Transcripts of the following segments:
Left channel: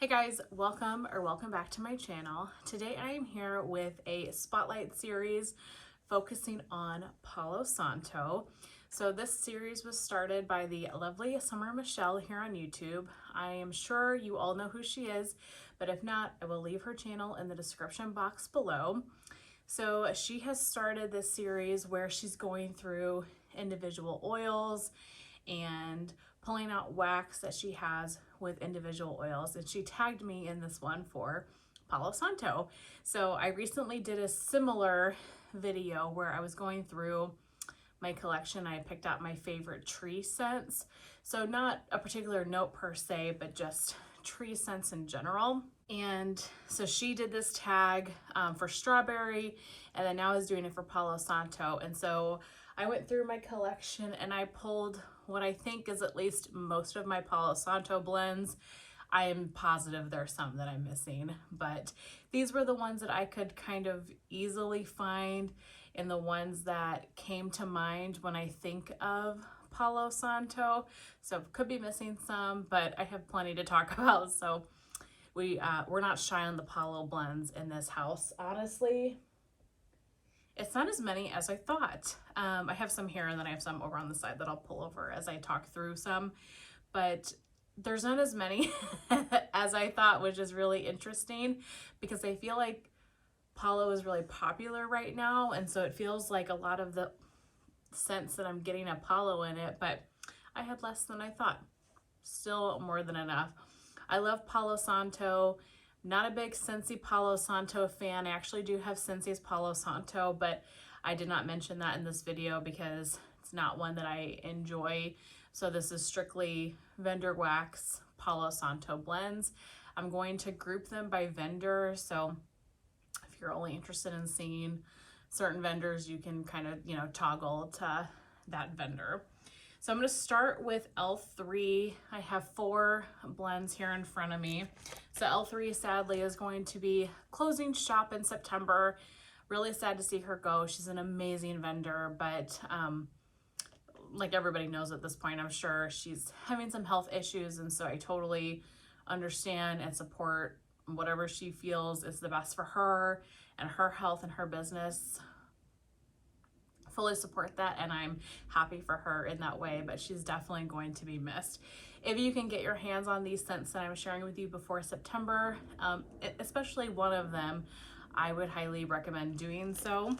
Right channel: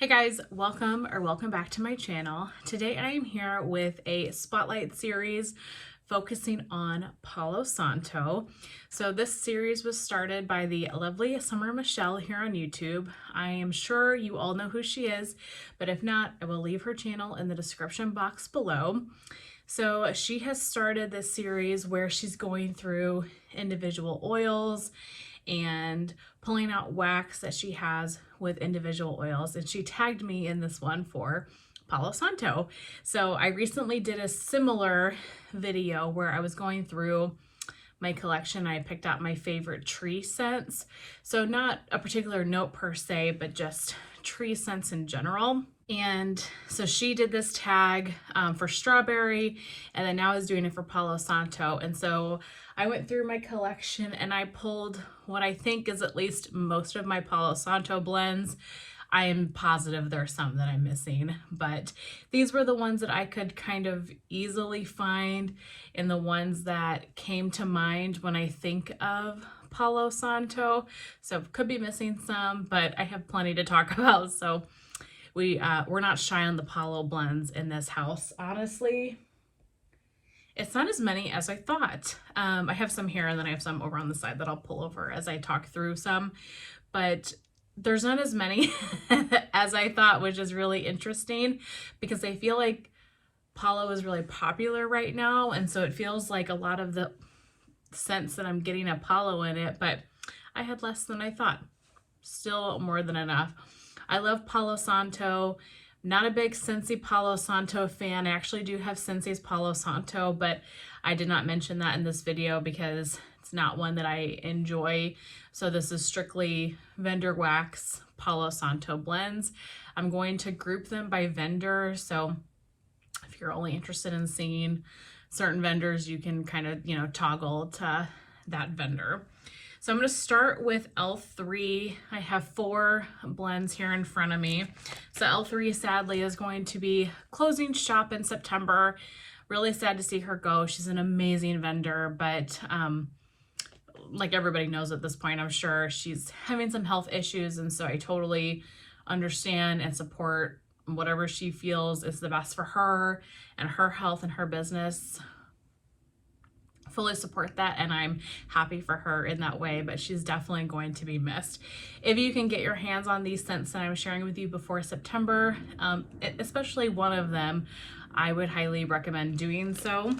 Hey guys, welcome back to my channel. Today I am here with a spotlight series focusing on Palo Santo. So this series was started by the lovely Summer Michelle here on YouTube. I am sure you all know who she is, but if not, I will leave her channel in the description box below. So she has started this series where she's going through individual oils and pulling out wax that she has with individual oils, and she tagged me in this one for Palo Santo. So I recently did a similar video where I was going through my collection. I picked out my favorite tree scents, so not a particular note per se, but just tree scents in general. And so she did this tag for strawberry, and then now is doing it for Palo Santo. And so I went through my collection and I pulled what I think is at least most of my Palo Santo blends. I am positive there's some that I'm missing, but these were the ones that I could kind of easily find and the ones that came to mind when I think of Palo Santo. So could be missing some, but I have plenty to talk about. So we're not shy on the Palo blends in this house, honestly. It's not as many as I thought. I have some here and then I have some over on the side that I'll pull over as I talk through some, but there's not as many as I thought, which is really interesting because I feel like Palo is really popular right now, and so it feels like a lot of the scents that I'm getting a Palo in it, but I had less than I thought. Still more than enough. I love Palo Santo. Not a big Scentsy Palo Santo fan. I actually do have Scentsy's Palo Santo, but I did not mention that in this video because it's not one that I enjoy. So this is strictly vendor wax Palo Santo blends. I'm going to group them by vendor. So if you're only interested in seeing certain vendors, you can kind of, toggle to that vendor. So I'm going to start with L3. I have 4 blends here in front of me. So L3 sadly is going to be closing shop in September. Really sad to see her go. She's an amazing vendor, but like everybody knows at this point, I'm sure she's having some health issues, and so I totally understand and support whatever she feels is the best for her and her health and her business. Fully support that, and I'm happy for her in that way, but she's definitely going to be missed. If you can get your hands on these scents that I'm sharing with you before September, especially one of them, I would highly recommend doing so.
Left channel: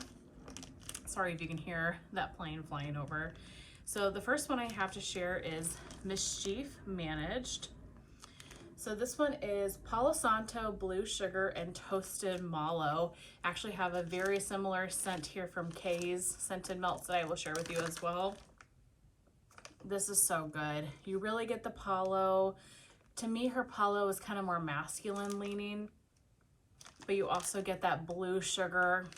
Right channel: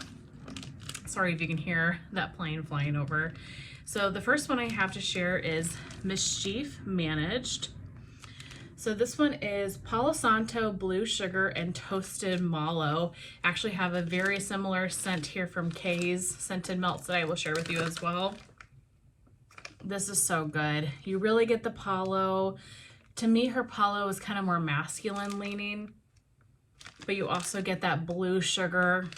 Sorry if you can hear that plane flying over. So the first one I have to share is Mischief Managed. So this one is Palo Santo, Blue Sugar, and Toasted Mallow. Actually have a very similar scent here from Kay's Scented Melts that I will share with you as well. This is so good. You really get the Palo. To me, her Palo is kind of more masculine leaning, but you also get that Blue Sugar.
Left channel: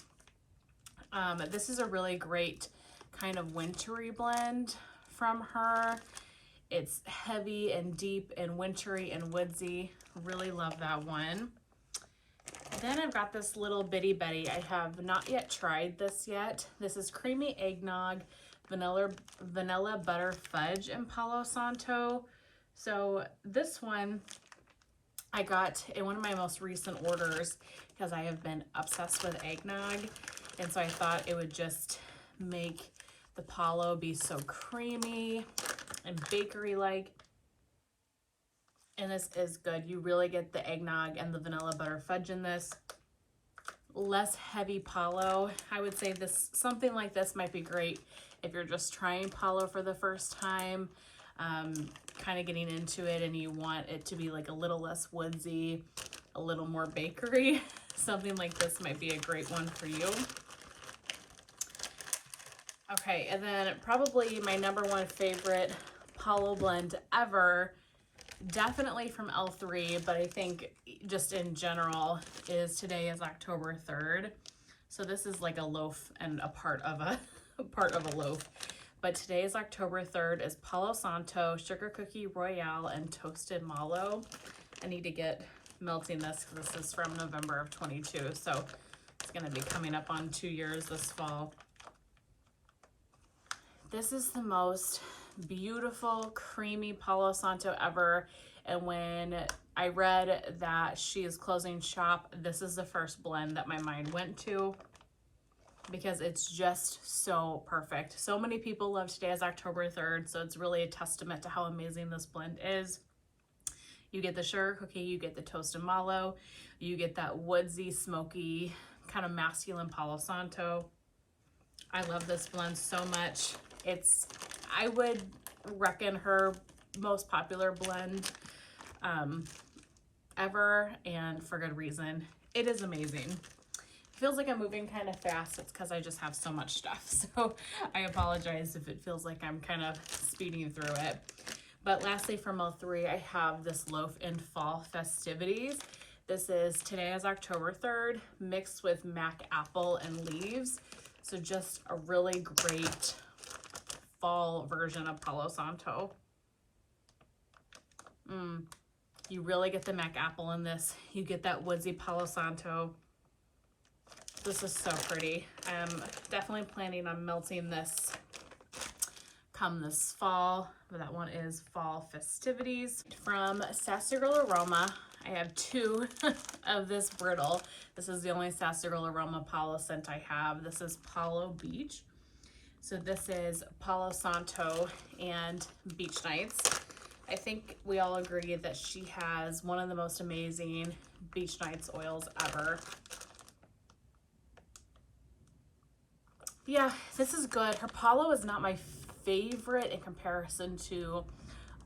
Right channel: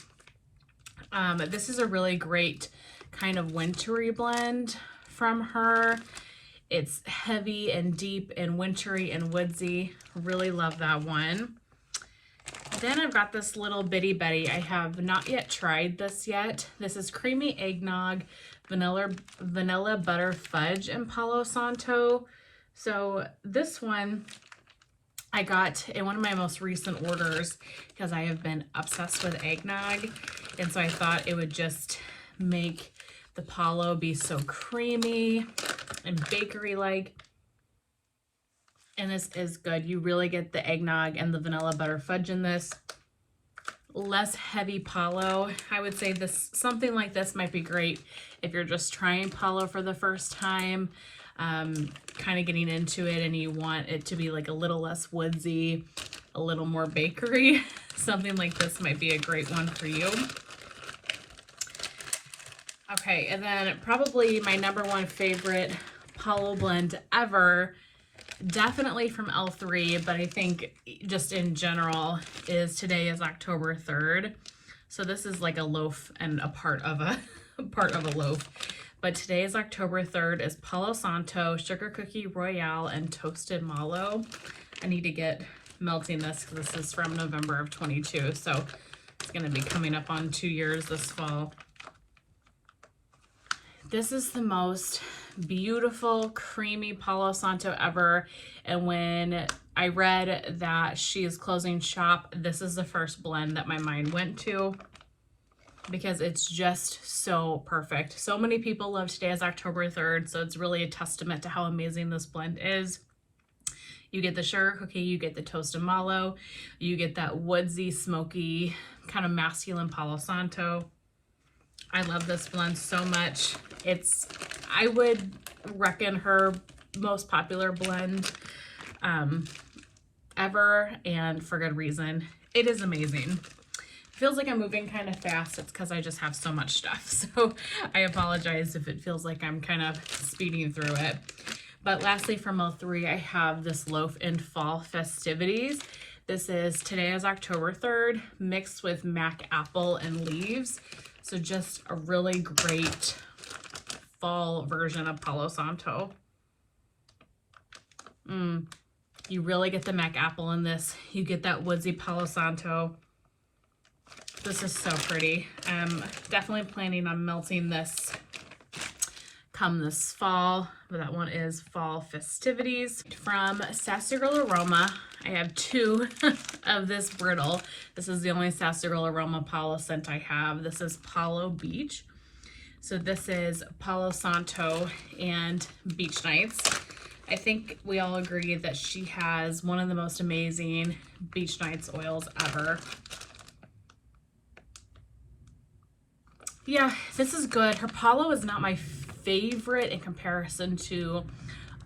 This is a really great kind of wintry blend from her. It's heavy and deep and wintry and woodsy. Really love that one. Then I've got this little bitty Betty. I have not yet tried this yet. This is Creamy Eggnog, Vanilla Butter Fudge, and Palo Santo. So this one I got in one of my most recent orders because I have been obsessed with eggnog. And so I thought it would just make the Palo be so creamy and bakery-like, and this is good. You really get the eggnog and the vanilla butter fudge in this. Less heavy Palo. I would say something like this might be great if you're just trying Palo for the first time, kind of getting into it, and you want it to be like a little less woodsy, a little more bakery. Something like this might be a great one for you. Okay, and then probably my #1 favorite Palo blend ever, definitely from L3, but I think just in general, is today is October 3rd. So this is like a loaf and a part of a loaf. But today is October 3rd is Palo Santo, Sugar Cookie Royale, and Toasted Mallow. I need to get melting this because this is from November of 22. So it's going to be coming up on 2 years this fall. This is the most beautiful creamy Palo Santo ever, and when I read that she is closing shop. This is the first blend that my mind went to because it's just so perfect. So many people love Today is October 3rd, so it's really a testament to how amazing this blend is. You get the sugar cookie, you get the toasted mallow, you get that woodsy, smoky, kind of masculine Palo Santo. I love this blend so much. I would reckon her most popular blend ever, and for good reason. It is amazing. Feels like I'm moving kind of fast. It's because I just have so much stuff. So I apologize if it feels like I'm kind of speeding through it. But lastly, from 03, I have this loaf in fall festivities. This is Today is October 3rd, mixed with mac apple and leaves. So just a really great fall version of Palo Santo. You really get the mac apple in this. You get that woodsy Palo Santo. This is so pretty. I'm definitely planning on melting this come this fall. But that one is fall festivities. From Sassy Girl Aroma, I have 2 of this brittle. This is the only Sassy Girl Aroma Palo scent I have. This is Palo Beach. So this is Palo Santo and Beach Nights. I think we all agree that she has one of the most amazing Beach Nights oils ever. Yeah, this is good. Her Palo is not my favorite in comparison to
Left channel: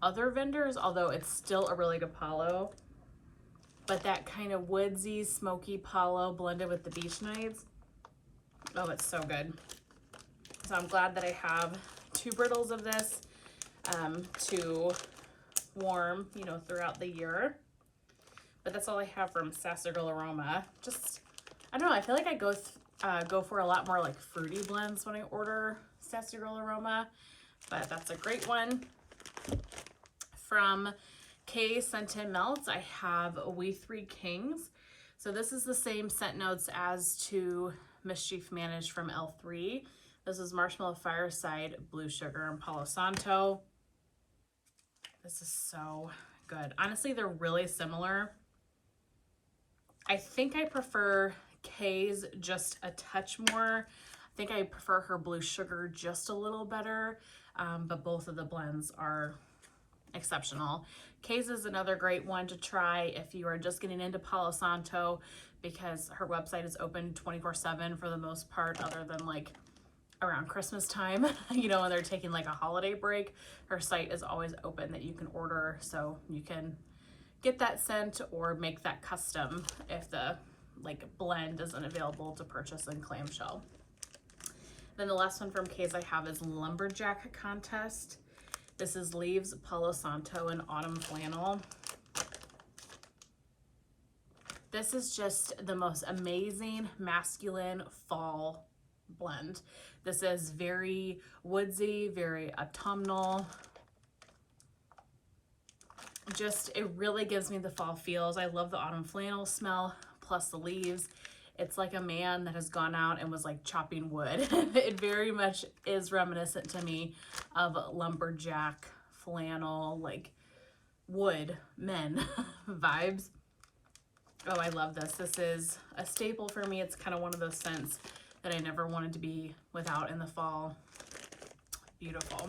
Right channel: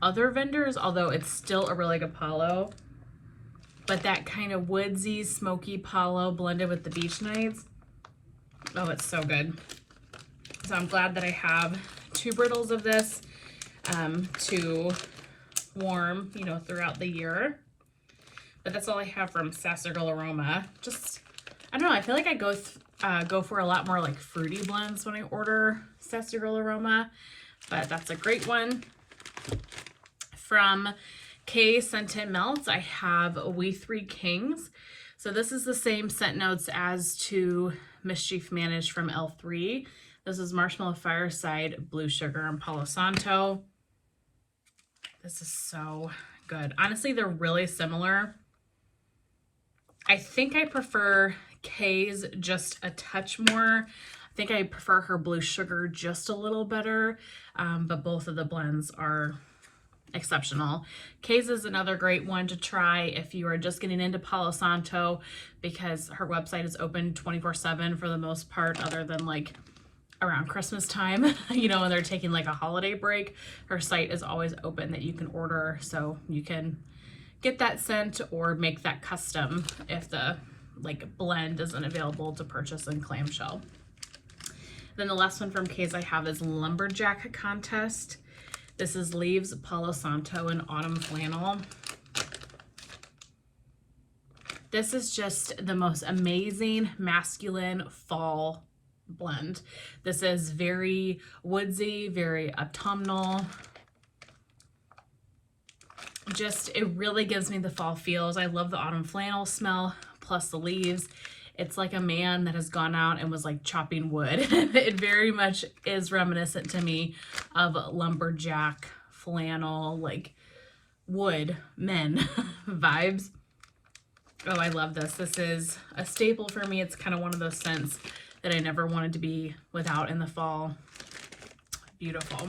other vendors, although it's still a really good Palo. But that kind of woodsy, smoky Palo blended with the Beach Nights, oh, it's so good. So I'm glad that I have 2 brittles of this to warm, you know, throughout the year. But that's all I have from Sassy Girl Aroma. Just, I don't know, I feel like I go for a lot more like fruity blends when I order Sassy Girl Aroma, but that's a great one. From K Scented Melts, I have We Three Kings. So this is the same scent notes as to Mischief Managed from L3. This is Marshmallow Fireside, Blue Sugar, and Palo Santo. This is so good. Honestly, they're really similar. I think I prefer K's just a touch more. I think I prefer her Blue Sugar just a little better, but both of the blends are exceptional. K's is another great one to try if you are just getting into Palo Santo, because her website is open 24/7 for the most part, other than like around Christmas time, you know, when they're taking like a holiday break. Her site is always open that you can order, so you can get that scent or make that custom if the like blend isn't available to purchase in clamshell. Then the last one from K's I have is Lumberjack Contest. This is Leaves, Palo Santo, and Autumn Flannel. This is just the most amazing masculine fall blend. This is very woodsy, very autumnal. Just, it really gives me the fall feels. I love the autumn flannel smell plus the leaves. It's like a man that has gone out and was like chopping wood. It very much is reminiscent to me of lumberjack flannel, like wood men vibes. Oh, I love this. This is a staple for me. It's kind of one of those scents that I never wanted to be without in the fall. Beautiful.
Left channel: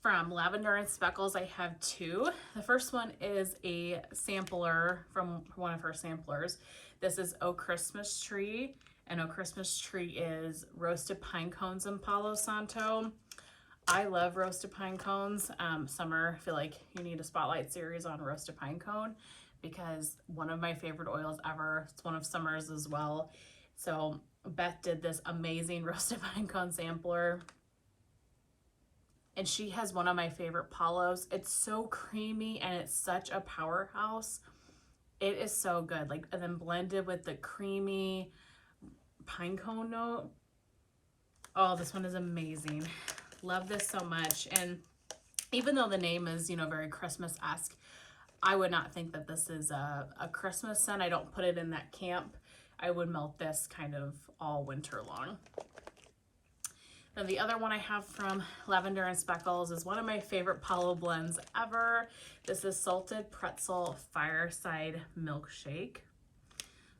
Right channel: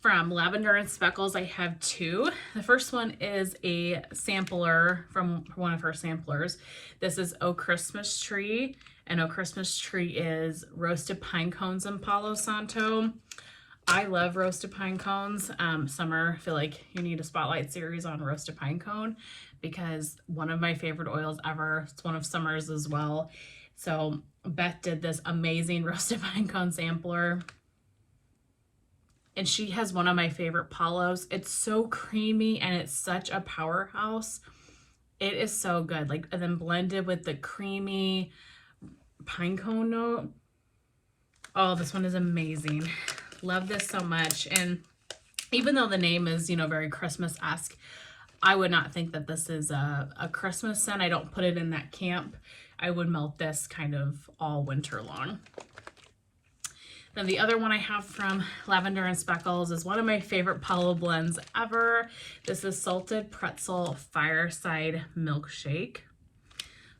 From Lavender and Speckles, I have 2. The first one is a sampler from one of her samplers. This is Oh Christmas Tree, and Oh Christmas Tree is roasted pine cones and Palo Santo. I love roasted pine cones. Summer, I feel like you need a spotlight series on roasted pine cone, because one of my favorite oils ever. It's one of Summer's as well. So Beth did this amazing roasted pine cone sampler, and she has one of my favorite Palos. It's so creamy and it's such a powerhouse. It is so good. Like, and then blended with the creamy pine cone note. Oh, this one is amazing. Love this so much. And even though the name is, you know, very Christmas-esque, I would not think that this is a Christmas scent. I don't put it in that camp. I would melt this kind of all winter long. Then the other one I have from Lavender and Speckles is one of my favorite Palo blends ever. This is Salted Pretzel Fireside Milkshake.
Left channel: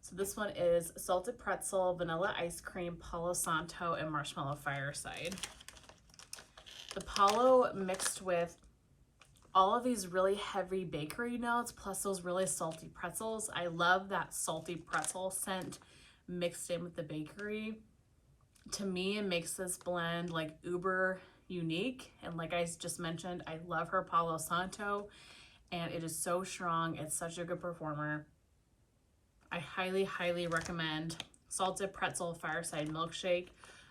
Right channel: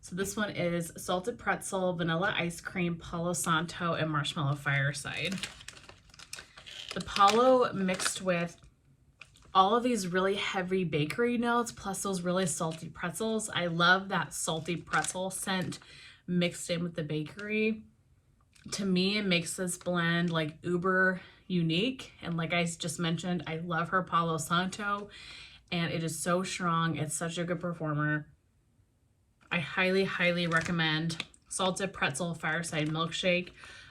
So this one is salted pretzel, vanilla ice cream, Palo Santo, and marshmallow fireside. The Palo mixed with all of these really heavy bakery notes plus those really salty pretzels. I love that salty pretzel scent mixed in with the bakery. To me, it makes this blend like uber unique. And like I just mentioned, I love her Palo Santo and it is so strong. It's such a good performer. I highly, highly recommend Salted Pretzel Fireside Milkshake.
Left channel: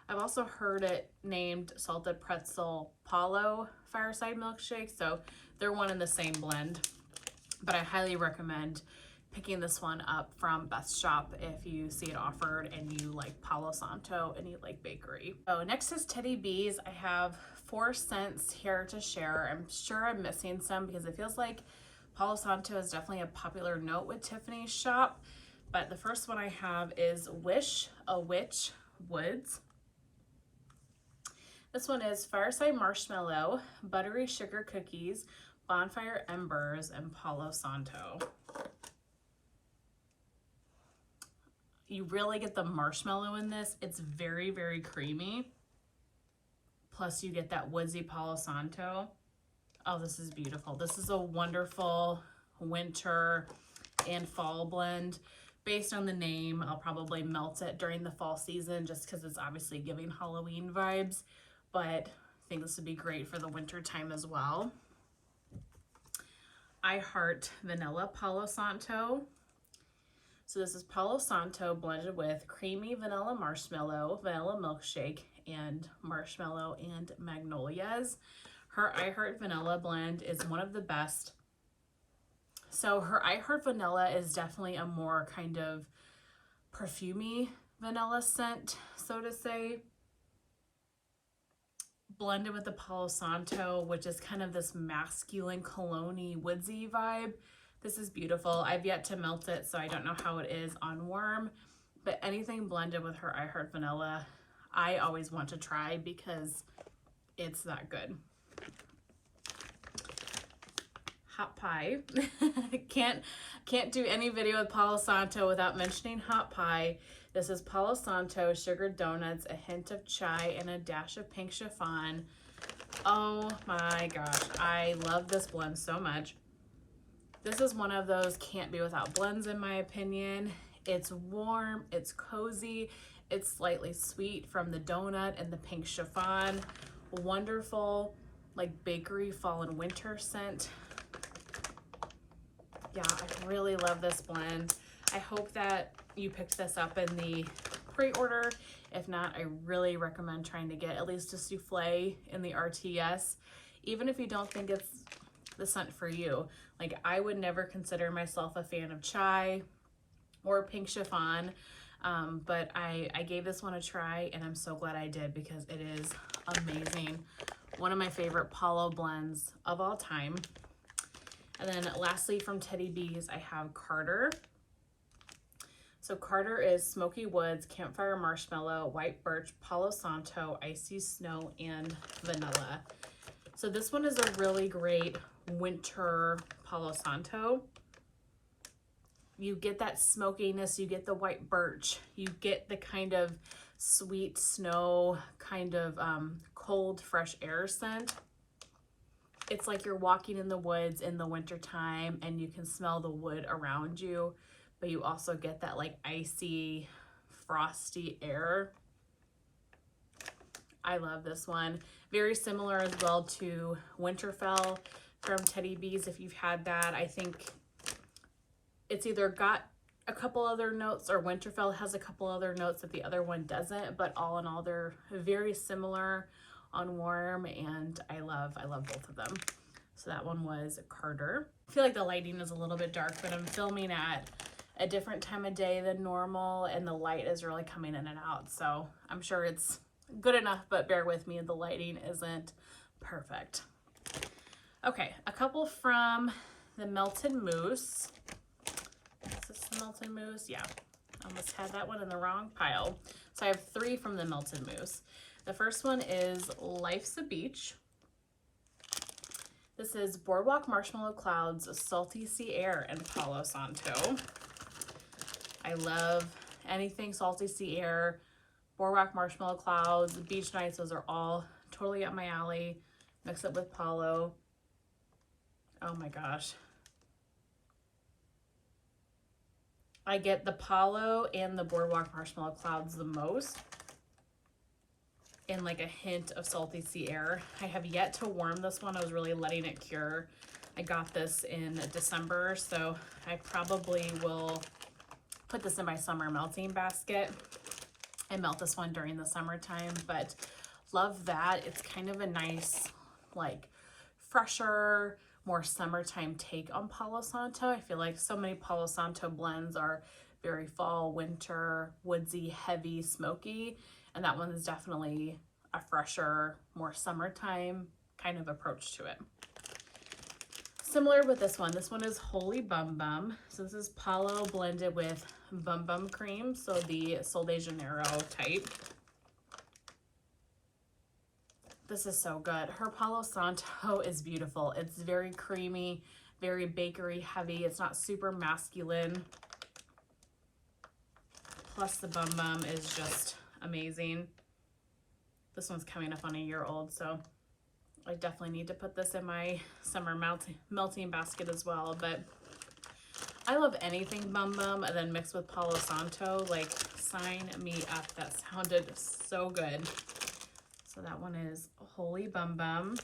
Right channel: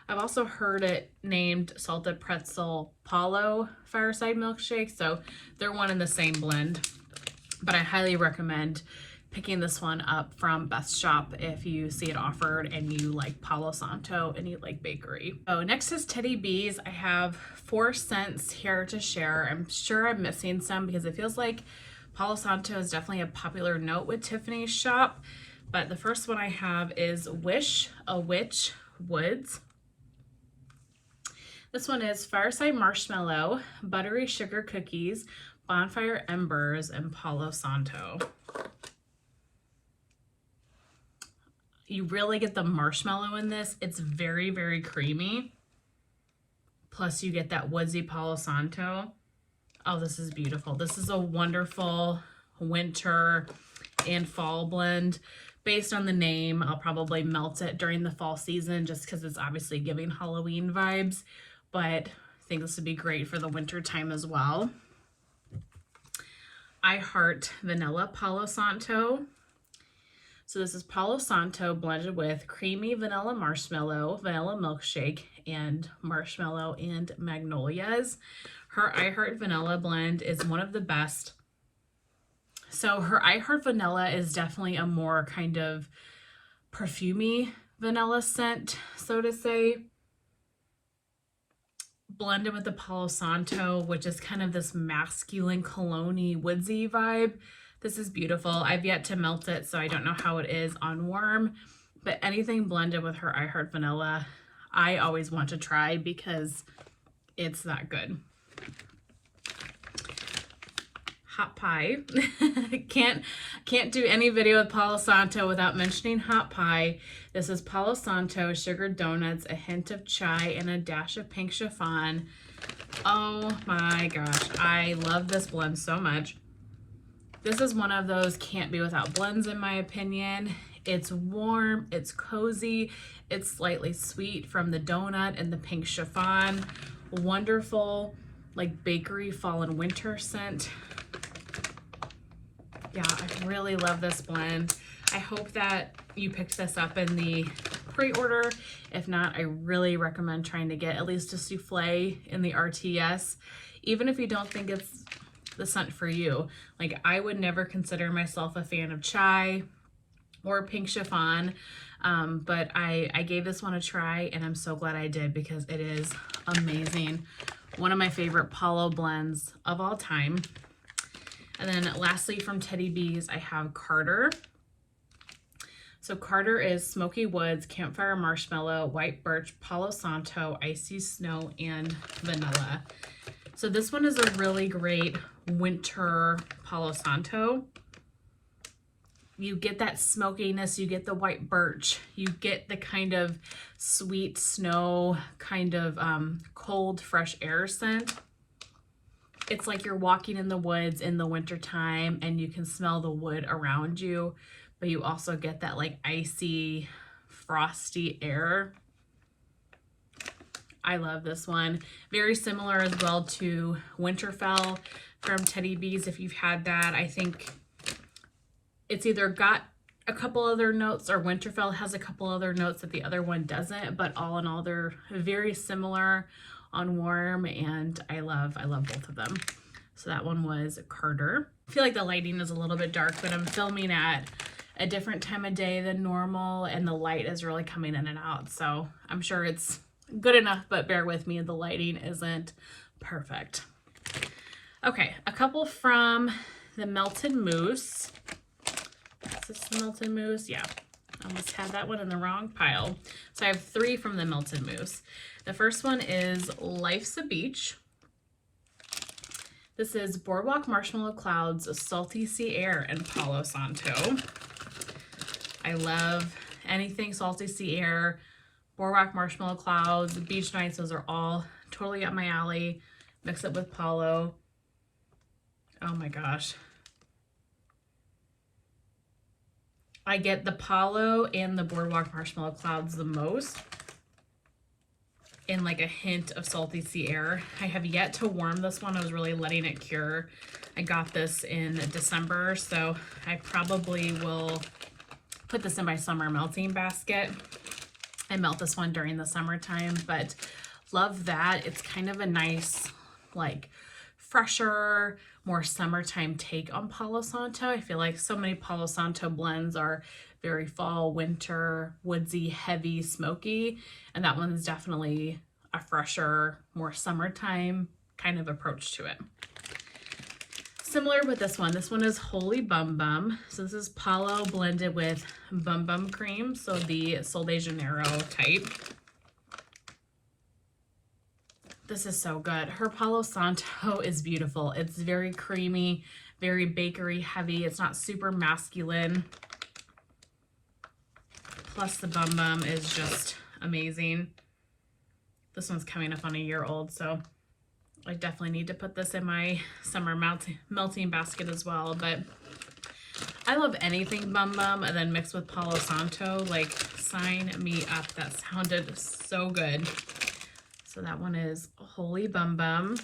I've also heard it named Salted Pretzel Palo Fireside Milkshake, so they're one in the same blend. But I highly recommend picking this one up from Best Shop if you see it offered and you like Palo Santo and you like bakery. So next is Teddy B's. I have 4 scents here to share. I'm sure I'm missing some because it feels like Palo Santo is definitely a popular note with Tiffany's shop. But the first one I have is Wish a Witch Woods. This one is Fireside Marshmallow, Buttery Sugar Cookies, Bonfire Embers, and Palo Santo. You really get the marshmallow in this. It's very, very creamy. Plus you get that woodsy Palo Santo. Oh, this is beautiful. This is a wonderful winter and fall blend. Based on the name, I'll probably melt it during the fall season just because it's obviously giving Halloween vibes. But I think this would be great for the winter time as well. I Heart Vanilla Palo Santo. So this is Palo Santo blended with creamy vanilla marshmallow, vanilla milkshake, and marshmallow and magnolias. Her I Heart Vanilla blend is one of the best. So her I Heart Vanilla is definitely a more kind of perfumey vanilla scent, so to say, blended with the Palo Santo, which is kind of this masculine cologne-y woodsy vibe. This is beautiful. I've yet to melt it, so I don't know how it is on warm, but anything blended with her I Heart Vanilla, I always want to try because it's that good. Hot pie. can't do any video with Palo Santo without mentioning hot pie. This is Palo Santo sugared donuts, a hint of chai, and a dash of pink chiffon. Oh my gosh, I love this blend so much. This is one of those can't be without blends in my opinion. It's warm, it's cozy, it's slightly sweet from the donut and the pink chiffon. Wonderful, like bakery fall and winter scent. Yeah, I really love this blend. I hope that you picked this up in the pre-order. If not, I really recommend trying to get at least a souffle in the RTS, even if you don't think it's the scent for you. Like, I would never consider myself a fan of chai or pink chiffon, but I gave this one a try and I'm so glad I did because it is amazing. One of my favorite Palo blends of all time. And then lastly from Teddy B's, I have Carter. So Carter is Smoky Woods, Campfire Marshmallow, White Birch, Palo Santo, Icy Snow, and Vanilla. So this one is a really great winter Palo Santo. You get that smokiness, you get the white birch, you get the kind of sweet snow, kind of cold, fresh air scent. It's like you're walking in the woods in the wintertime and you can smell the wood around you, but you also get that like icy, frosty air. I love this one. Very similar as well to Winterfell from Teddy B's. If you've had that, I think it's either got a couple other notes or Winterfell has a couple other notes that the other one doesn't, but all in all, they're very similar on warm, and I love both of them. So that one was Carter. I feel like the lighting is a little bit dark, but I'm filming at a different time of day than normal, and the light is really coming in and out. So I'm sure it's good enough, but bear with me, the lighting isn't perfect. Okay, a couple from the Melted Mousse. Is this the Melted Mousse? Yeah. I almost had that one in the wrong pile. So I have 3 from the Melted Mousse. The first one is Life's a Beach. This is Boardwalk Marshmallow Clouds, Salty Sea Air, and Palo Santo. I love anything Salty Sea Air, Boardwalk Marshmallow Clouds, Beach Nights. Those are all totally up my alley. Mix it with Palo. Oh my gosh. I get the Palo and the Boardwalk Marshmallow Clouds the most, and like a hint of Salty Sea Air. I have yet to warm this one. I was really letting it cure. I got this in December, so I probably will put this in my summer melting basket and melt this one during the summertime, but love that. It's kind of a nice, like, fresher, more summertime take on Palo Santo. I feel like so many Palo Santo blends are very fall, winter, woodsy, heavy, smoky, and that one's definitely a fresher, more summertime kind of approach to it. Similar with this one is Holy Bum Bum. So this is Palo blended with Bum Bum cream, so the Sol de Janeiro type. This is so good. Her Palo Santo is beautiful. It's very creamy, very bakery heavy. It's not super masculine. Plus the Bum Bum is just amazing. This one's coming up on a year old, so I definitely need to put this in my summer melting basket as well. But I love anything Bum Bum and then mixed with Palo Santo. Like, sign me up. That sounded so good. So that one is Holy Bum Bum.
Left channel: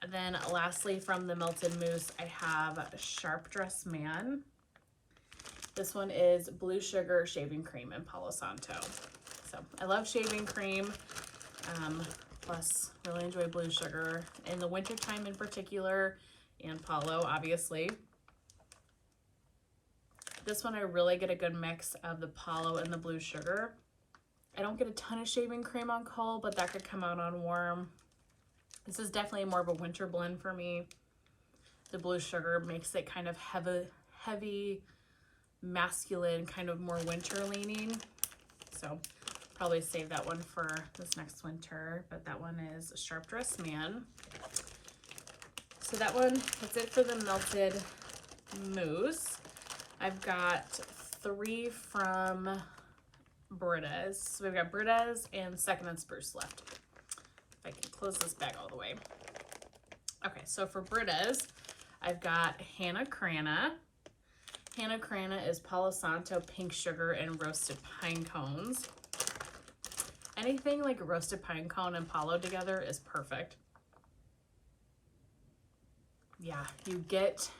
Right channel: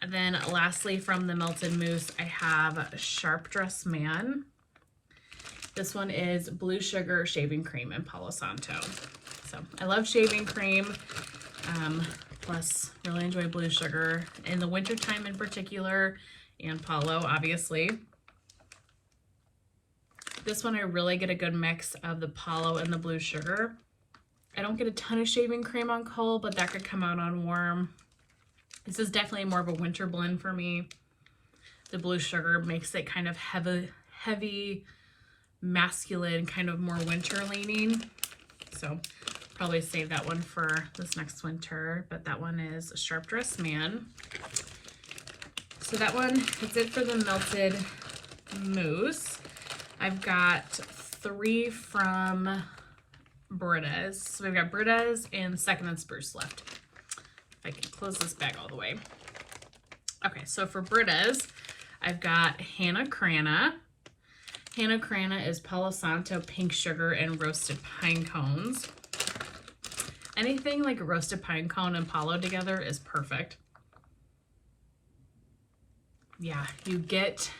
And then lastly from the Melted Mousse, I have Sharp Dressed Man. This one is Blue Sugar Shaving Cream and Palo Santo. So I love shaving cream. Plus really enjoy Blue Sugar in the wintertime in particular, and Palo obviously. This one I really get a good mix of the Palo and the Blue Sugar. I don't get a ton of shaving cream on cold, but that could come out on warm. This is definitely more of a winter blend for me. The Blue Sugar makes it kind of heavy, masculine, kind of more winter leaning. So probably save that one for this next winter, but that one is Sharp Dressed Man. So that one, that's it for the Melted Mousse. I've got 3 from Britta's. So we've got Britta's and Second and Spruce left. If I can close this bag all the way. Okay, so for Britta's, I've got Hannah Crana. Hannah Crana is Palo Santo, pink sugar, and roasted pine cones. Anything like a roasted pine cone and Palo together is perfect. Yeah, you get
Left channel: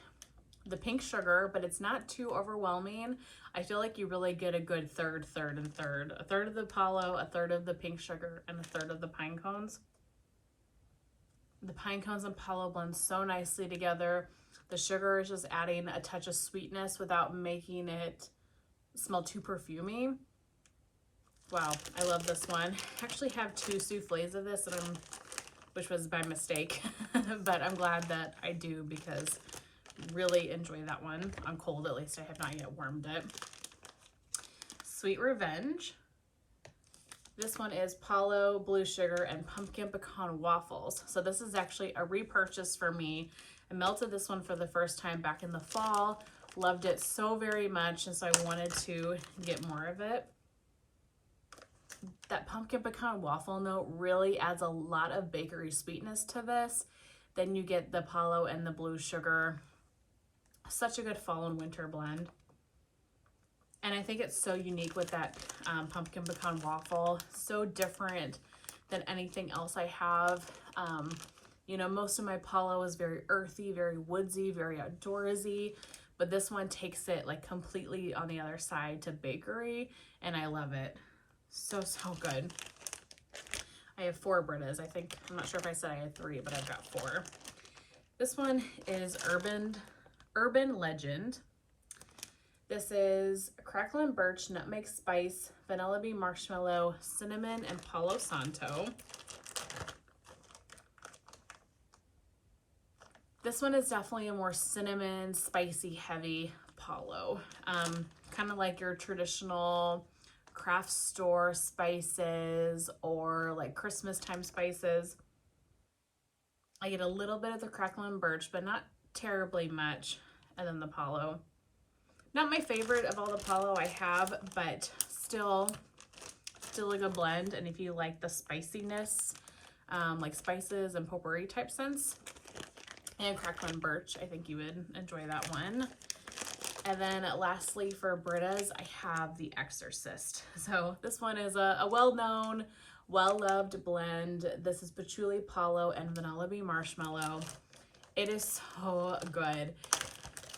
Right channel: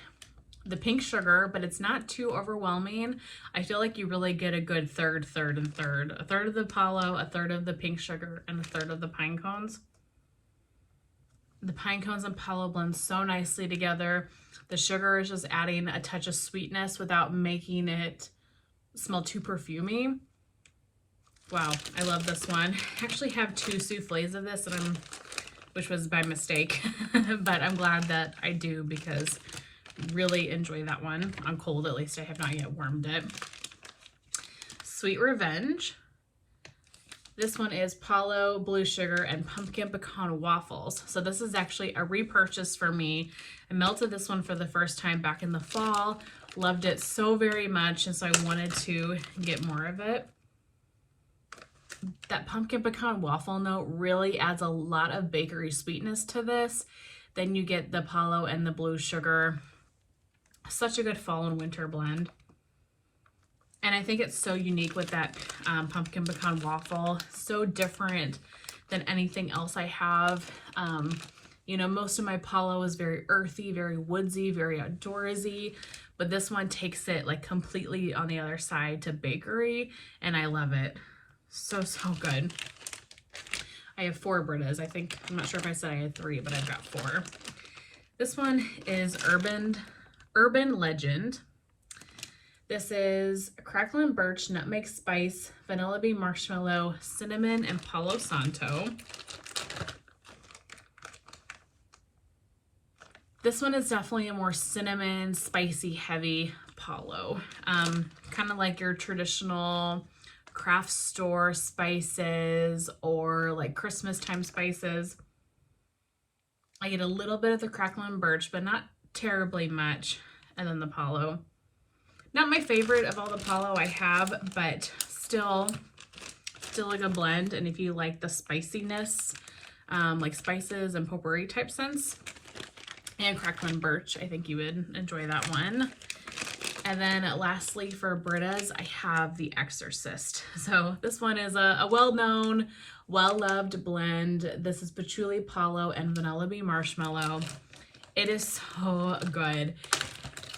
the pink sugar, but it's not too overwhelming. I feel like you really get a good third, and third. A third of the Palo, a third of the pink sugar, and a third of the pine cones. The pine cones and Palo blend so nicely together. The sugar is just adding a touch of sweetness without making it smell too perfumey. Wow, I love this one. I actually have 2 souffles of this, and which was by mistake, but I'm glad that I do because really enjoy that one on cold. At least I have not yet warmed it. Sweet Revenge. This one is Palo, Blue Sugar, and Pumpkin Pecan Waffles. So this is actually a repurchase for me. I melted this one for the first time back in the fall. Loved it so very much, and so I wanted to get more of it. That pumpkin pecan waffle note really adds a lot of bakery sweetness to this. Then you get the Palo and the Blue Sugar. Such a good fall and winter blend. And I think it's so unique with that pumpkin pecan waffle. So different than anything else I have. You know, most of my Palo is very earthy, very woodsy, very outdoorsy. But this one takes it like completely on the other side to bakery. And I love it. So, so good. I have 4 Britta's. I think, I'm not sure if I said I had 3, but I've got 4. This one is Urban Legend. This is Crackling Birch, Nutmeg Spice, Vanilla Bean Marshmallow, Cinnamon, and Palo Santo. this one is definitely a more cinnamon, spicy, heavy Palo. Kind of like your traditional craft store spices or like Christmas time spices. I get a little bit of the crackling birch, but not terribly much. And then the Palo. Not my favorite of all the Palo I have, but still a good blend. And if you like the spiciness, like spices and potpourri type scents, and crackling birch, I think you would enjoy that one. And then lastly for Britta's, I have the Exorcist. So this one is a well-known, well-loved blend. This is patchouli, Palo, and vanilla bean marshmallow. It is so good.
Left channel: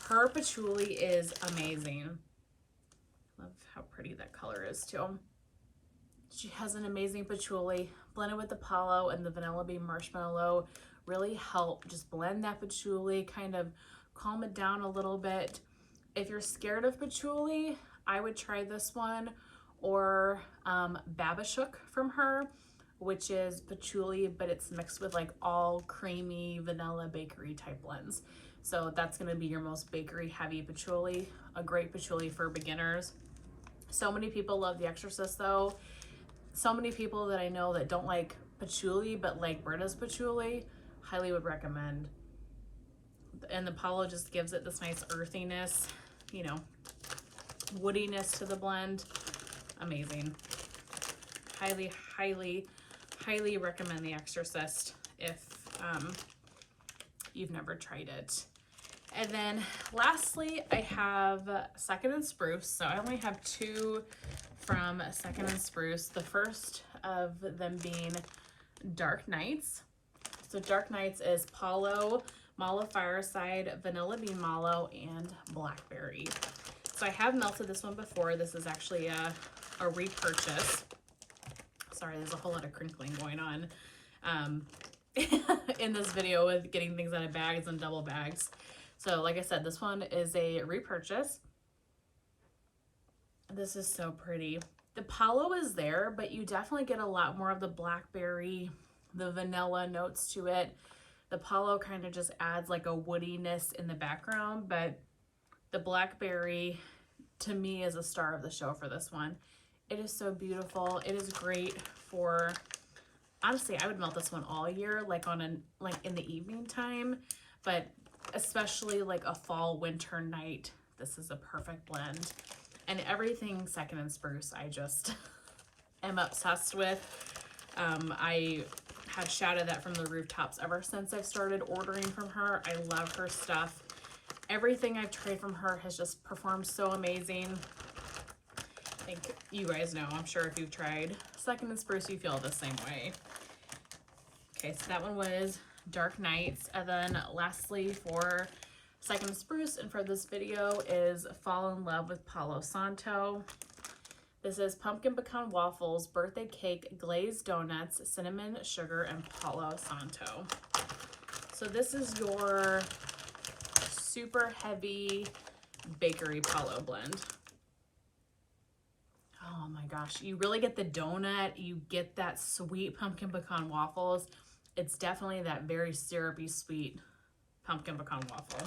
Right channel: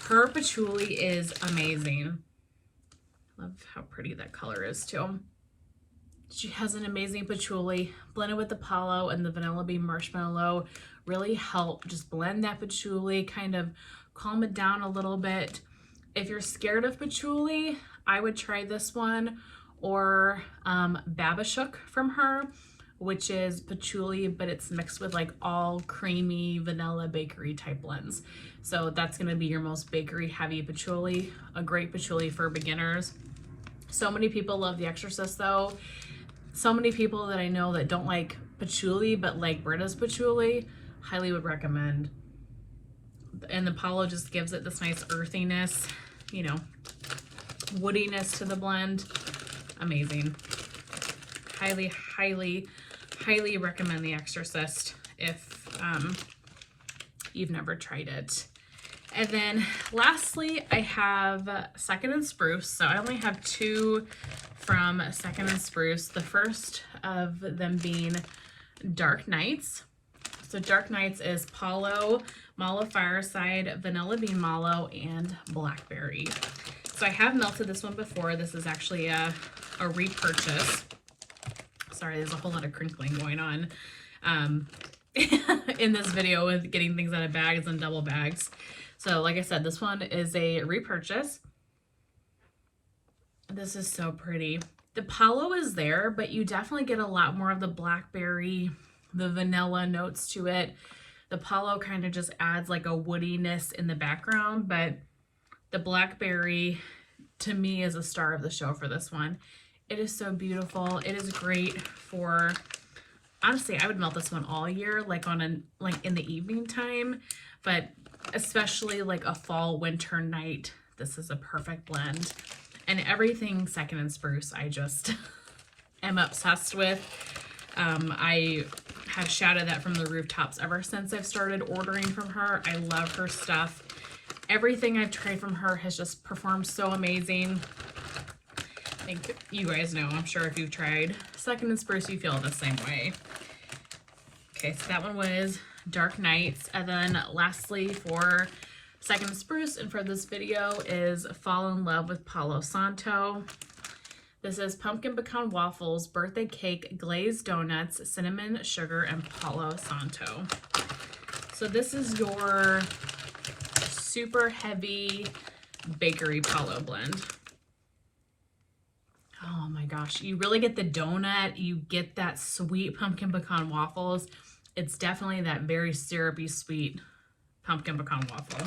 Her patchouli is amazing. Love how pretty that color is too. She has an amazing patchouli blended with the Palo, and the vanilla bean marshmallow really help just blend that patchouli, kind of calm it down a little bit. If you're scared of patchouli, I would try this one, or Babashook from her, which is patchouli, but it's mixed with like all creamy vanilla bakery type blends. So that's going to be your most bakery heavy patchouli, a great patchouli for beginners. So many people love the Exorcist though. So many people that I know that don't like patchouli but like Britta's patchouli, highly would recommend. And the Palo just gives it this nice earthiness, you know, woodiness to the blend. Amazing. Highly, highly, highly recommend the Exorcist if you've never tried it. And then lastly, I have Second and Spruce. So I only have two from Second and Spruce. The first of them being Dark Nights. So Dark Nights is Palo, Mallow Fireside, Vanilla Bean Mallow, and Blackberry. So I have melted this one before. This is actually a repurchase. Sorry, there's a whole lot of crinkling going on in this video with getting things out of bags and double bags. So like I said, this one is a repurchase. This is so pretty. The Palo is there, but you definitely get a lot more of the blackberry, the vanilla notes to it. The Palo kind of just adds like a woodiness in the background, but the blackberry to me is a star of the show for this one. It is so beautiful. It is great for, honestly, I would melt this one all year, like in the evening time, but especially like a fall winter night. This is a perfect blend. And everything Second and Spruce, I just am obsessed with. I have shouted that from the rooftops ever since I've started ordering from her. I love her stuff. Everything I've tried from her has just performed so amazing. I think you guys know, I'm sure if you've tried Second and Spruce, you feel the same way. Okay, so that one was Dark Nights. And then lastly for Second and Spruce and for this video is Fall in Love with Palo Santo. This is pumpkin pecan waffles, birthday cake, glazed donuts, cinnamon, sugar, and Palo Santo. So this is your super heavy bakery Palo blend. Oh my gosh, you really get the donut, you get that sweet pumpkin pecan waffles. It's definitely that very syrupy sweet pumpkin pecan waffle.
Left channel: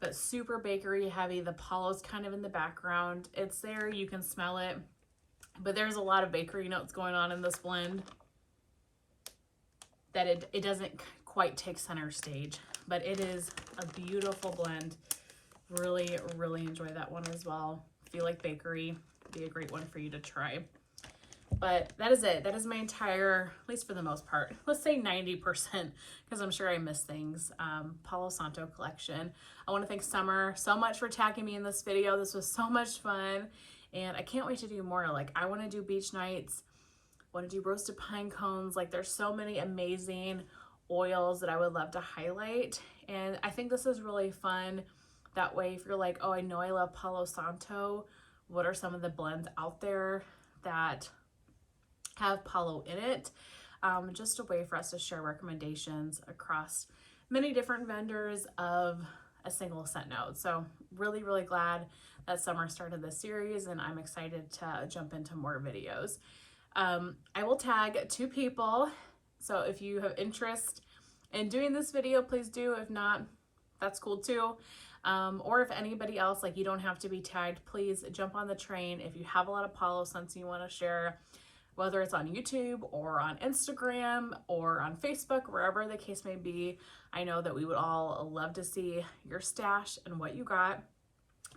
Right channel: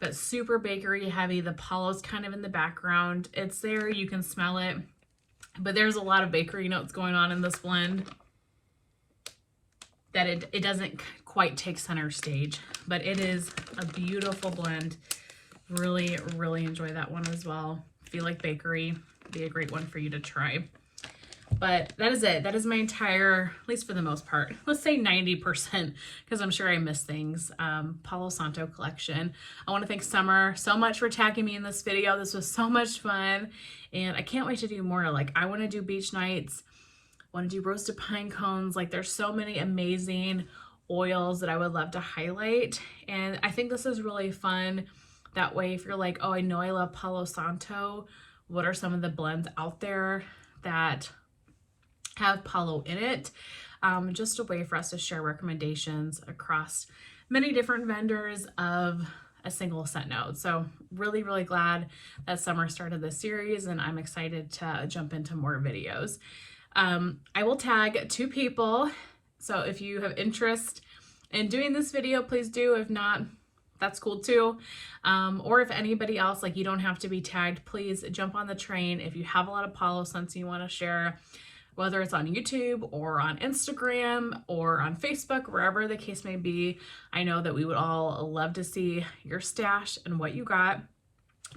But super bakery heavy. The Palo's kind of in the background. It's there, you can smell it. But there's a lot of bakery notes going on in this blend that it doesn't quite take center stage. But it is a beautiful blend. Really, really enjoy that one as well. If you like bakery, be a great one for you to try. But that is it. That is my entire, at least for the most part, let's say 90%, because I'm sure I missed things, Palo Santo collection. I want to thank Summer so much for tagging me in this video. This was so much fun, and I can't wait to do more. Like, I want to do beach nights, I want to do roasted pine cones. Like, there's so many amazing oils that I would love to highlight, and I think this is really fun. That way, if you're like, oh, I know I love Palo Santo, what are some of the blends out there that have Palo in it? Just a way for us to share recommendations across many different vendors of a single scent note. So really, really glad that Summer started this series, and I'm excited to jump into more videos. I will tag 2 people. So if you have interest in doing this video, please do. If not, that's cool too. Or if anybody else, like, you don't have to be tagged, please jump on the train. If you have a lot of Palo scents you want to share, whether it's on YouTube or on Instagram or on Facebook, wherever the case may be, I know that we would all love to see your stash and what you got.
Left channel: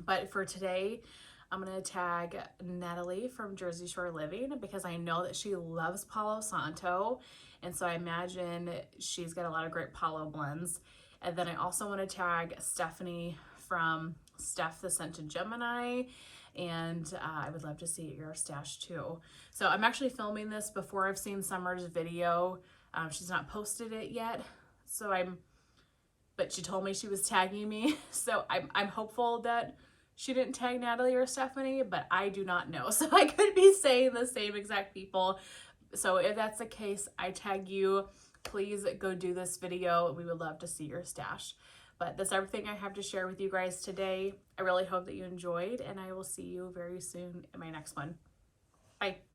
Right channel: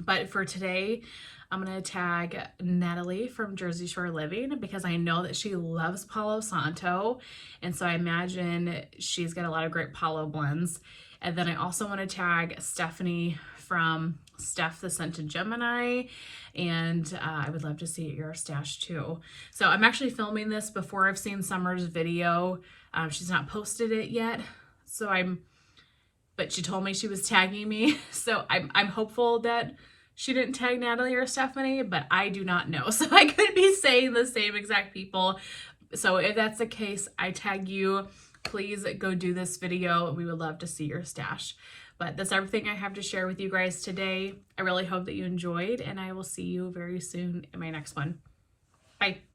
But for today, I'm going to tag Natalie from Jersey Shore Living because I know that she loves Palo Santo. And so I imagine she's got a lot of great Palo blends. And then I also want to tag Stephanie from Steph the Scented Gemini. And I would love to see your stash too. So I'm actually filming this before I've seen Summer's video. She's not posted it yet. So but she told me she was tagging me. So I'm hopeful that she didn't tag Natalie or Stephanie, but I do not know. So I could be saying the same exact people. So if that's the case, I tag you. Please go do this video. We would love to see your stash. But that's everything I have to share with you guys today. I really hope that you enjoyed, and I will see you very soon in my next one. Bye.